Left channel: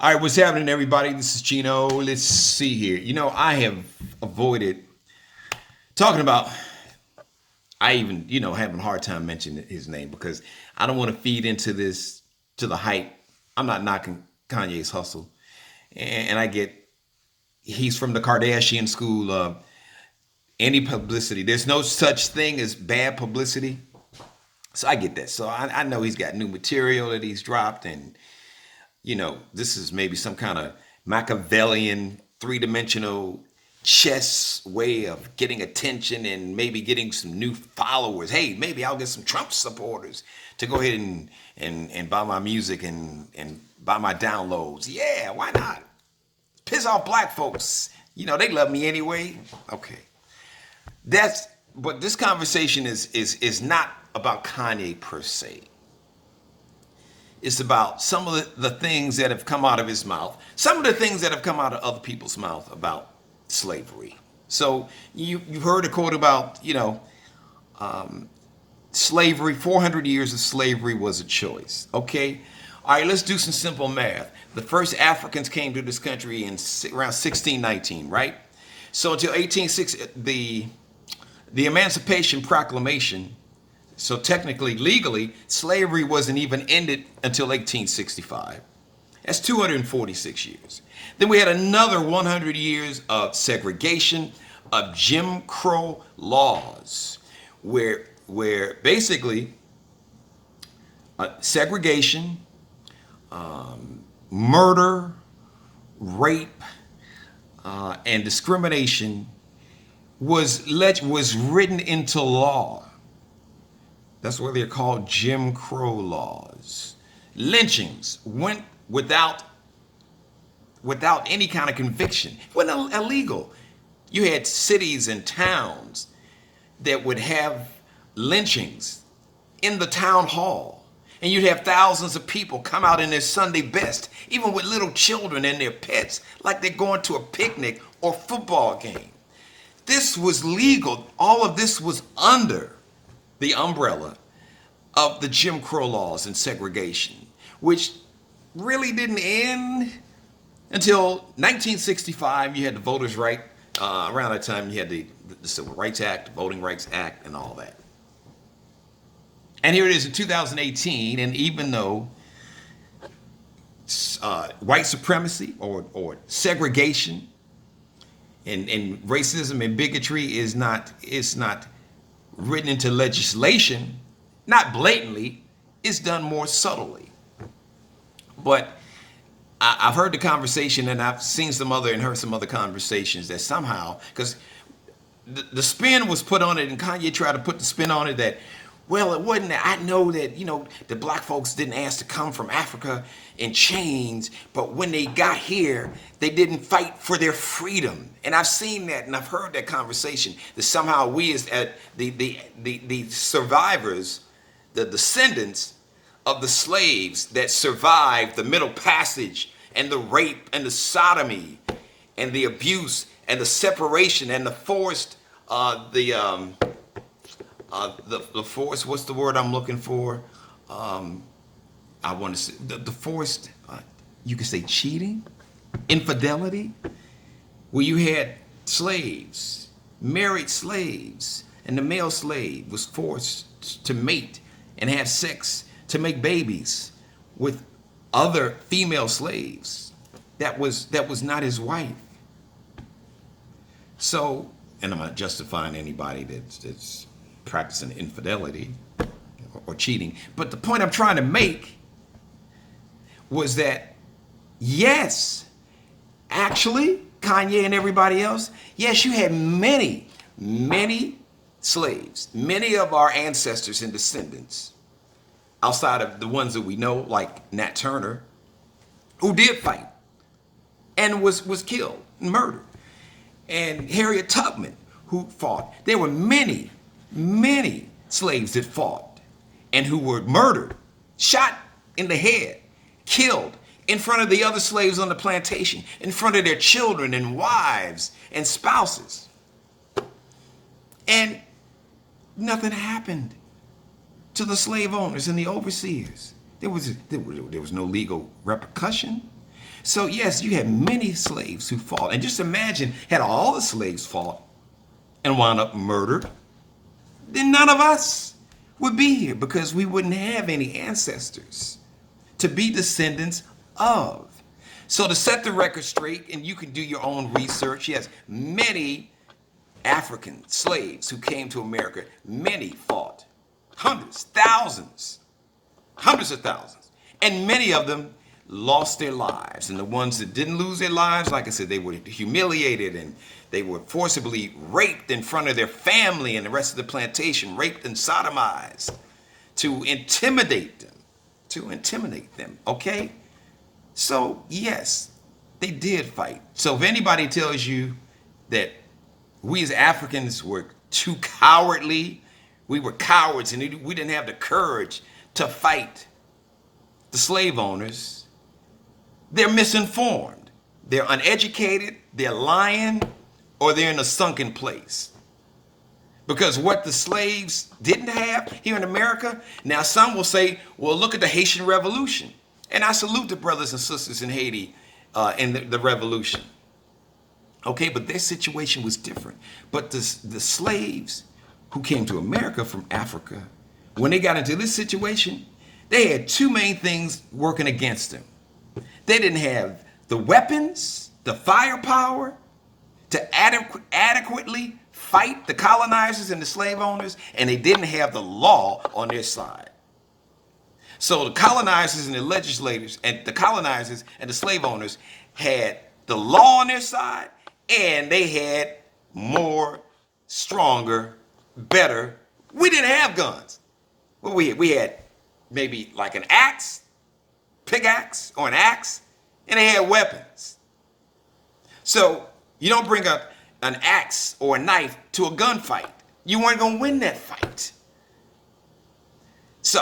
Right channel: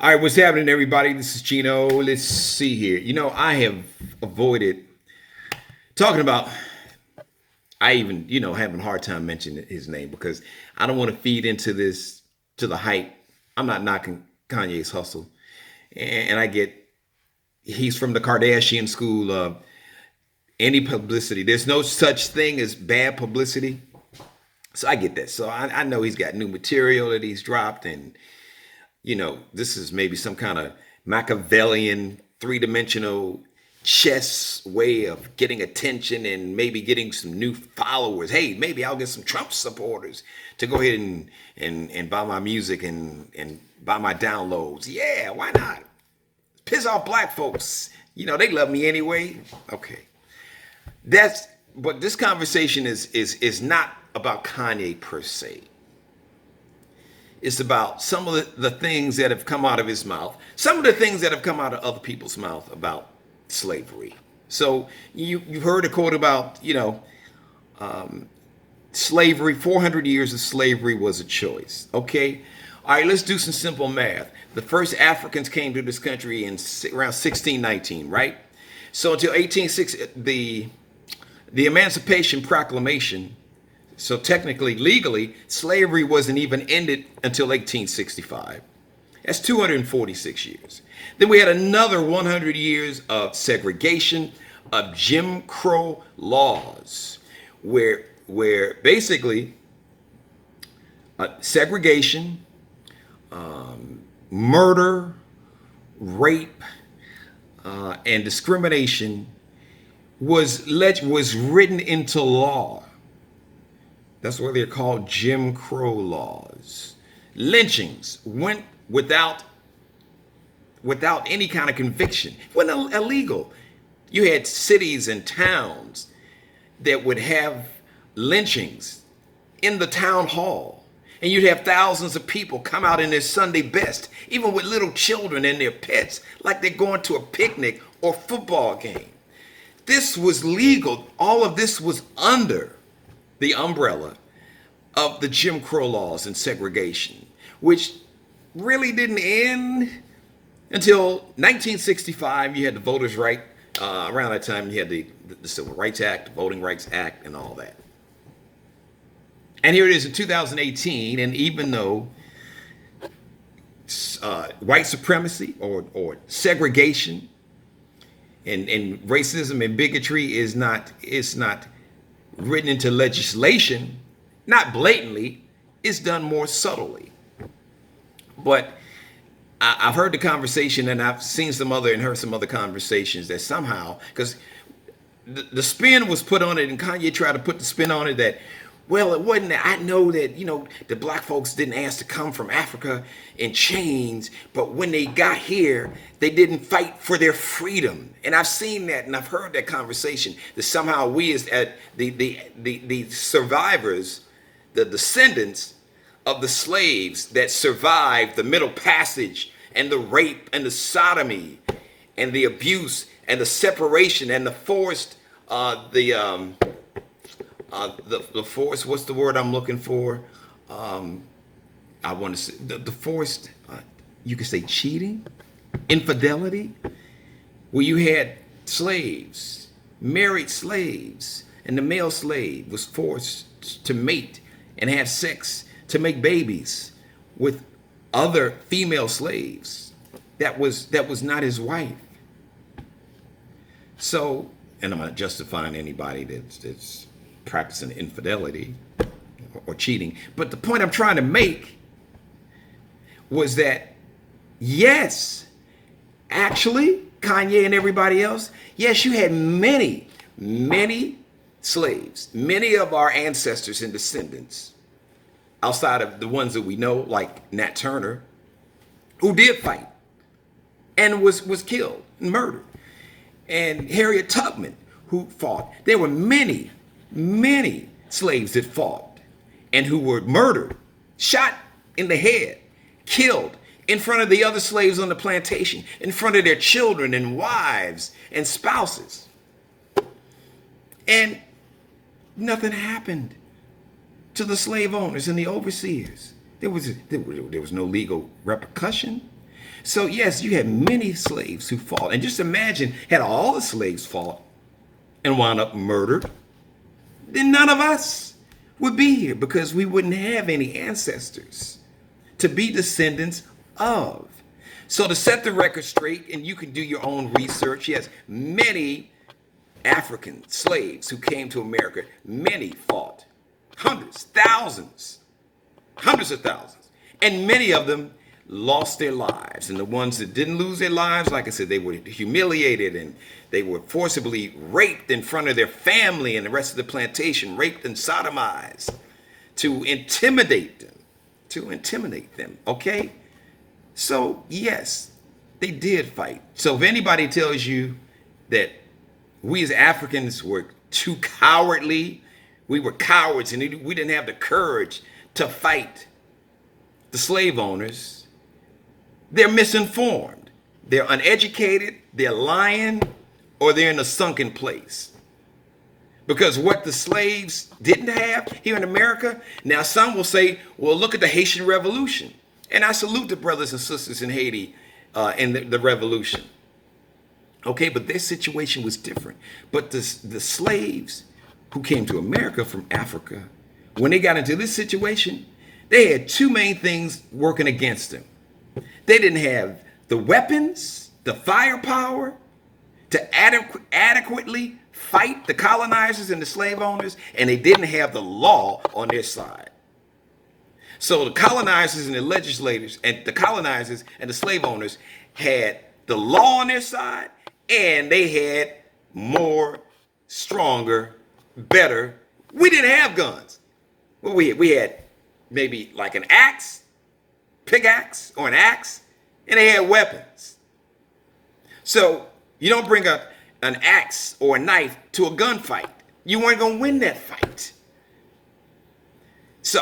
All right, what's happening, everybody? This is Gino. Let's see here. I have avoided talking about. I even, having a hard time mentioning his name because I don't want to feed into this to the hype. I'm not knocking Kanye's hustle, and I get he's from the Kardashian school of any publicity. There's no such thing as bad publicity, so I get that. So I know he's got new material that he's dropped, and this is maybe some kind of Machiavellian three-dimensional chess way of getting attention and maybe getting some new followers. Hey, maybe I'll get some Trump supporters to go ahead and buy my music and buy my downloads. Yeah, why not? Piss off black folks. They love me anyway. Okay. But this conversation is not about Kanye per se. It's about some of the things that have come out of his mouth, some of the things that have come out of other people's mouth about slavery. So you've heard a quote about, slavery, 400 years of slavery was a choice. Okay. All right, let's do some simple math. The first Africans came to this country in around 1619, right? So until 1860, the Emancipation Proclamation. So technically, legally, slavery wasn't even ended until 1865. That's 246 years. Then we had another 100 years of segregation, of Jim Crow laws, where basically segregation, murder, rape, and discrimination was written into law. That's why they're called Jim Crow laws. Lynchings went without any kind of conviction. It wasn't illegal. You had cities and towns that would have lynchings in the town hall. And you'd have thousands of people come out in their Sunday best, even with little children and their pets, like they're going to a picnic or football game. This was legal. All of this was under the umbrella of the Jim Crow laws and segregation, which really didn't end until 1965. You had the Voters' Right. Around that time, you had the Civil Rights Act, the Voting Rights Act, and all that. And here it is in 2018, and even though white supremacy or segregation and racism and bigotry is not written into legislation, not blatantly, it's done more subtly. But I've heard the conversation, and I've seen some other and heard some other conversations that somehow, because the spin was put on it, and Kanye tried to put the spin on it that, well, it wasn't. I know that, the black folks didn't ask to come from Africa in chains, but when they got here, they didn't fight for their freedom. And I've seen that, and I've heard that conversation, that somehow we as the survivors, the descendants of the slaves that survived the Middle Passage and the rape and the sodomy and the abuse and the separation and the forced, the forced, what's the word I'm looking for? I want to say the forced, you could say cheating, infidelity, where you had slaves, married slaves, and the male slave was forced to mate and have sex to make babies with other female slaves. That was not his wife. So, and I'm not justifying anybody that's practicing infidelity or cheating, but the point I'm trying to make was that, yes, actually, Kanye and everybody else, yes, you had many slaves, many of our ancestors and descendants, outside of the ones that we know, like Nat Turner, who did fight and was killed and murdered, and Harriet Tubman, who fought. There were many slaves that fought and who were murdered, shot in the head, killed in front of the other slaves on the plantation, in front of their children and wives and spouses. And nothing happened to the slave owners and the overseers. There was no legal repercussion. So yes, you had many slaves who fought. And just imagine, had all the slaves fought and wound up murdered, then none of us would be here because we wouldn't have any ancestors to be descendants of. So to set the record straight, and you can do your own research, yes, many African slaves who came to America, many fought. Hundreds, thousands, hundreds of thousands. And many of them lost their lives. And the ones that didn't lose their lives, like I said, they were humiliated and they were forcibly raped in front of their family and the rest of the plantation, raped and sodomized to intimidate them, okay? So, yes, they did fight. So if anybody tells you that we as Africans were too cowardly, we were cowards and we didn't have the courage to fight the slave owners, they're misinformed. They're uneducated, they're lying, or they're in a sunken place. Because what the slaves didn't have here in America, now some will say, well, look at the Haitian Revolution. And I salute the brothers and sisters in Haiti in the revolution. Okay, but their situation was different. But the slaves who came to America from Africa, when they got into this situation, they had two main things working against them. They didn't have the weapons, the firepower to adequately fight the colonizers and the slave owners, and they didn't have the law on their side. So the colonizers and the legislators and the colonizers and the slave owners had the law on their side, and they had more, stronger, better. We didn't have guns. Well, we had maybe like an axe, pickaxe, or an axe, and they had weapons. So you don't bring an axe or a knife to a gunfight. You weren't going to win that fight. So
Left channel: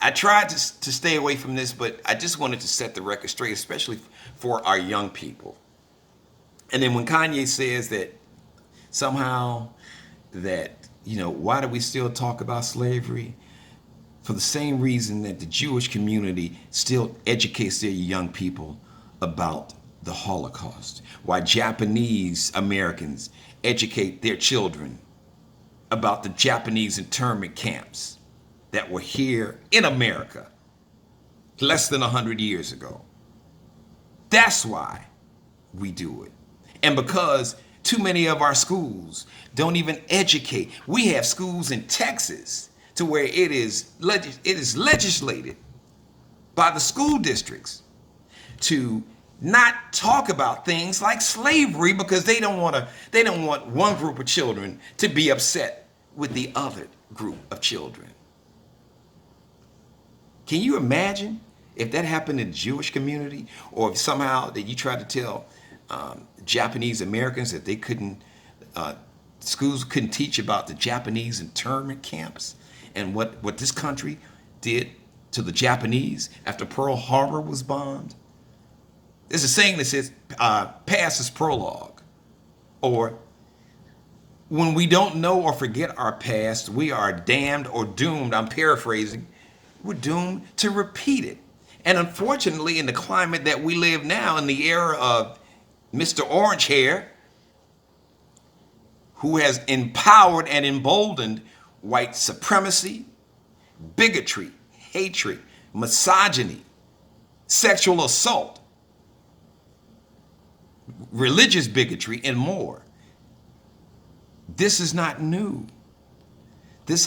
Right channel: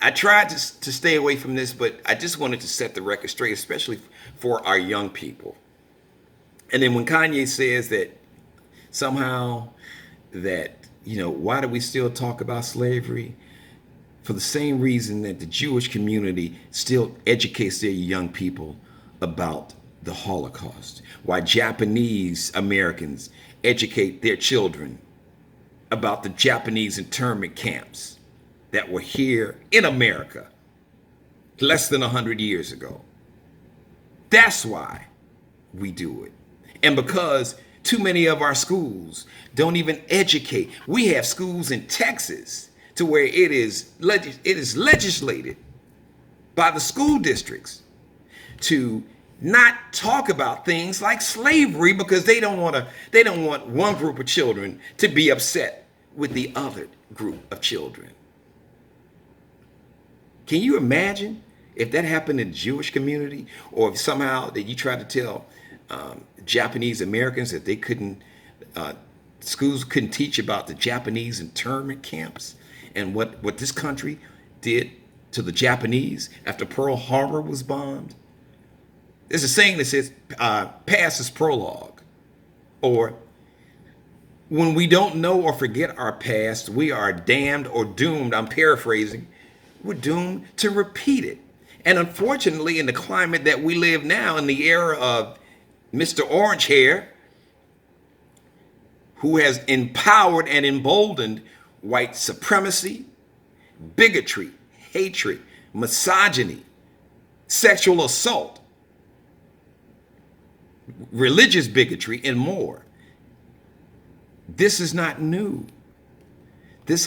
I tried to stay away from this, but I just wanted to set the record straight, especially for our young people. And then when Kanye says that somehow that, why do we still talk about slavery? For the same reason that the Jewish community still educates their young people about the Holocaust. Why Japanese Americans educate their children about the Japanese internment camps that were here in America less than 100 years ago. That's why we do it. And because too many of our schools don't even educate. We have schools in Texas to where it is legislated by the school districts to not talk about things like slavery because they don't want one group of children to be upset with the other group of children. Can you imagine if that happened in the Jewish community, or if somehow that you tried to tell Japanese Americans that they schools couldn't teach about the Japanese internment camps and what this country did to the Japanese after Pearl Harbor was bombed? There's a saying that says, past is prologue. Or, when we don't know or forget our past, we are damned or doomed, I'm paraphrasing, we're doomed to repeat it. And unfortunately, in the climate that we live now, in the era of Mr. Orange Hair, who has empowered and emboldened white supremacy, bigotry, hatred, misogyny, sexual assault, religious bigotry, and more. This is not new. This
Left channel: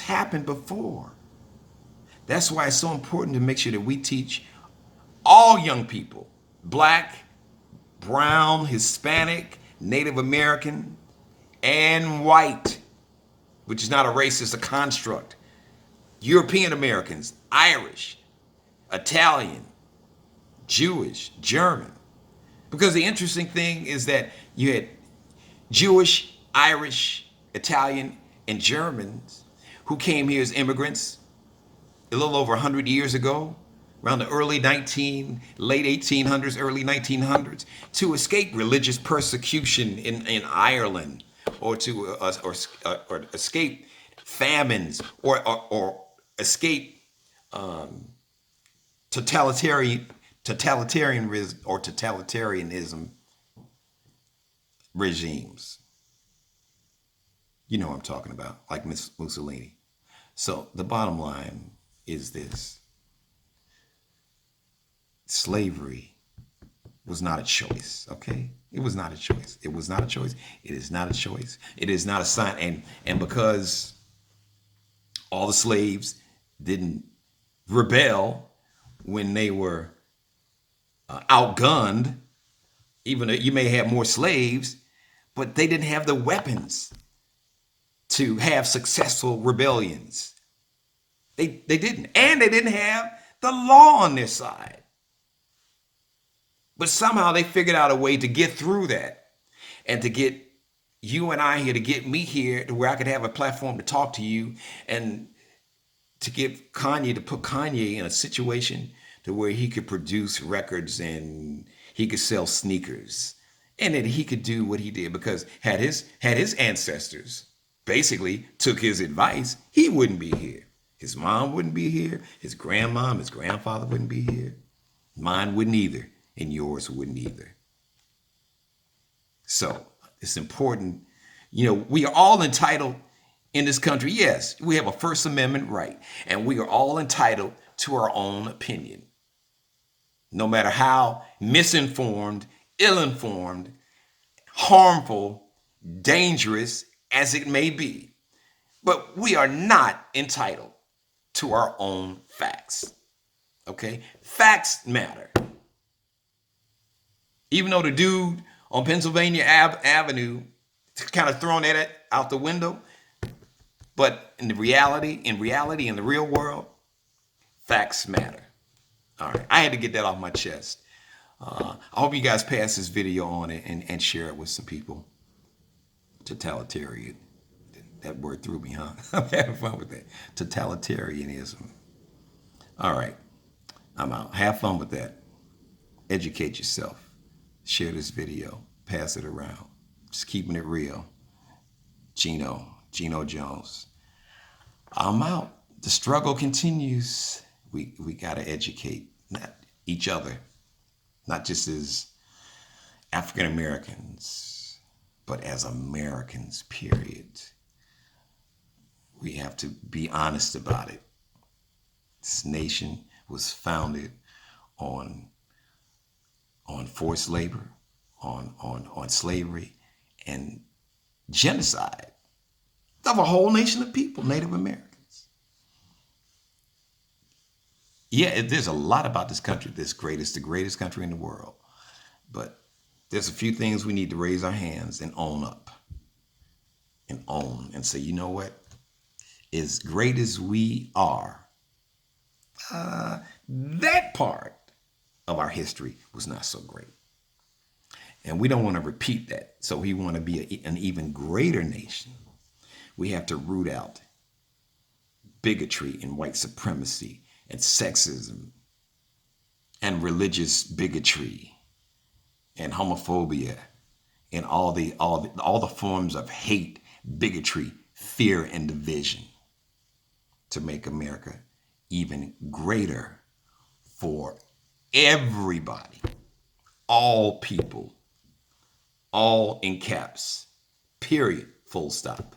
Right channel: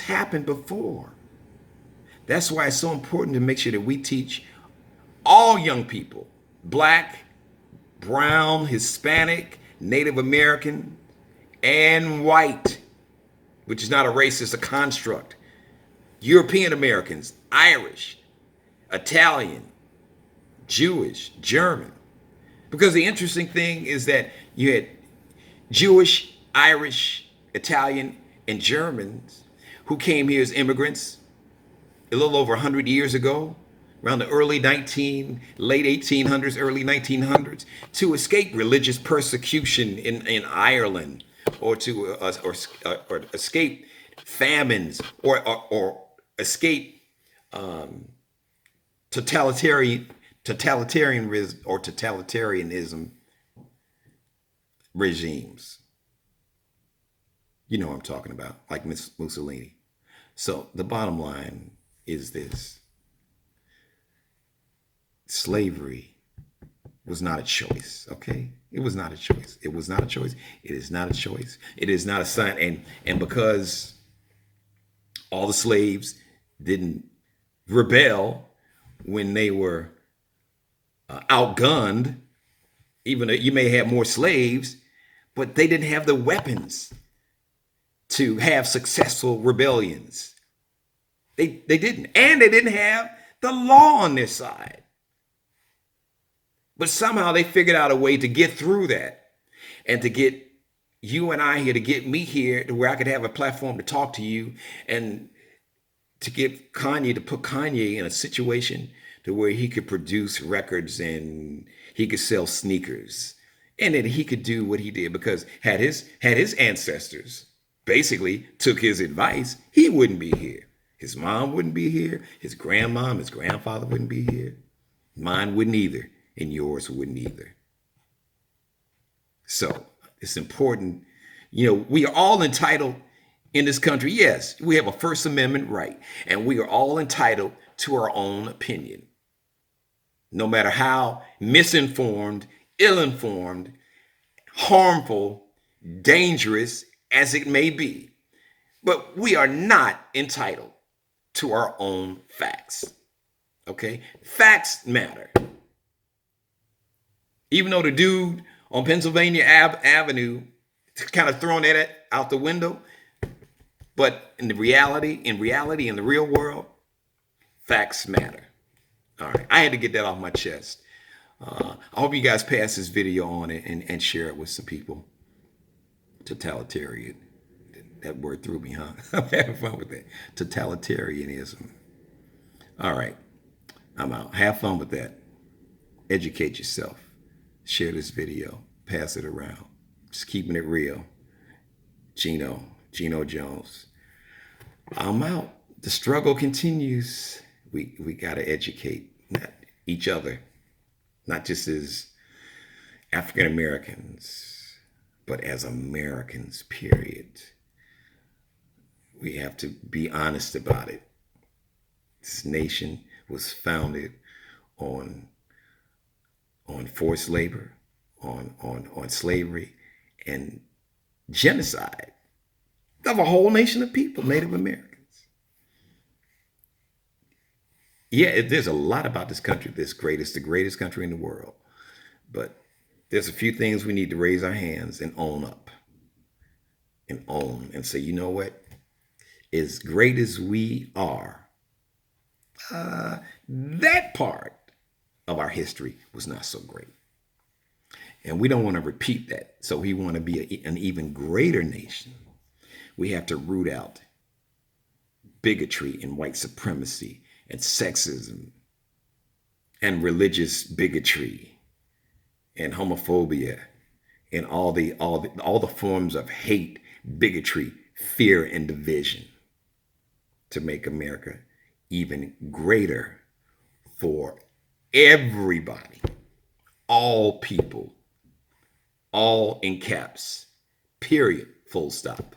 happened before. That's why it's so important to make sure that we teach all young people, Black, brown, Hispanic, Native American, and white, which is not a race, it's a construct, European Americans, Irish, Italian, Jewish, German. Because the interesting thing is that you had Jewish, Irish, Italian, and Germans who came here as immigrants a little over 100 years ago, around the late 1800s, early 1900s, to escape religious persecution in Ireland, or to or escape famines, or escape totalitarian totalitarianism regimes. You know what I'm talking about, like Miss Mussolini. So the bottom line is this: slavery was not a choice. Okay, it was not a choice. It was not a choice. It is not a choice. It is not a sign. And because all the slaves didn't rebel when they were outgunned, even though you may have more slaves, but they didn't have the weapons to have successful rebellions. They didn't. And they didn't have the law on their side. But somehow they figured out a way to get through that and to get you and I here, to get me here to where I could have a platform to talk to you, and to get Kanye, to put Kanye in a situation to where he could produce records and he could sell sneakers, and that he could do what he did, because had his ancestors basically took his advice, he wouldn't be here. His mom wouldn't be here. His grandmom, his grandfather wouldn't be here. Mine wouldn't either, and yours wouldn't either. So it's important. You know, we are all entitled in this country. Yes, we have a First Amendment right, and we are all entitled to our own opinion, no matter how misinformed, ill-informed, harmful, dangerous as it may be. But we are not entitled to our own facts. Okay? Facts matter. Even though the dude on Pennsylvania Avenue kind of throwing that out the window, but in reality, in the real world, facts matter. All right, I had to get that off my chest. I hope you guys pass this video on and share it with some people. Totalitarian. That word threw me, huh? I'm having fun with that. Totalitarianism. All right, I'm out. Have fun with that. Educate yourself. Share this video. Pass it around. Just keeping it real. Gino Jones. I'm out. The struggle continues. We got to educate not each other, not just as African Americans, but as Americans, period. We have to be honest about it. This nation was founded on forced labor, on slavery, and genocide of a whole nation of people, Native Americans. Yeah, there's a lot about this country that's great. It's the greatest country in the world. But there's a few things we need to raise our hands and own up. And own and say, you know what? As great as we are, that part of our history was not so great. And we don't want to repeat that. So we want to be an even greater nation. We have to root out bigotry and white supremacy and sexism and religious bigotry and homophobia and all the forms of hate, bigotry, fear, and division, to make America even greater for everybody, all people, all in caps, period, full stop.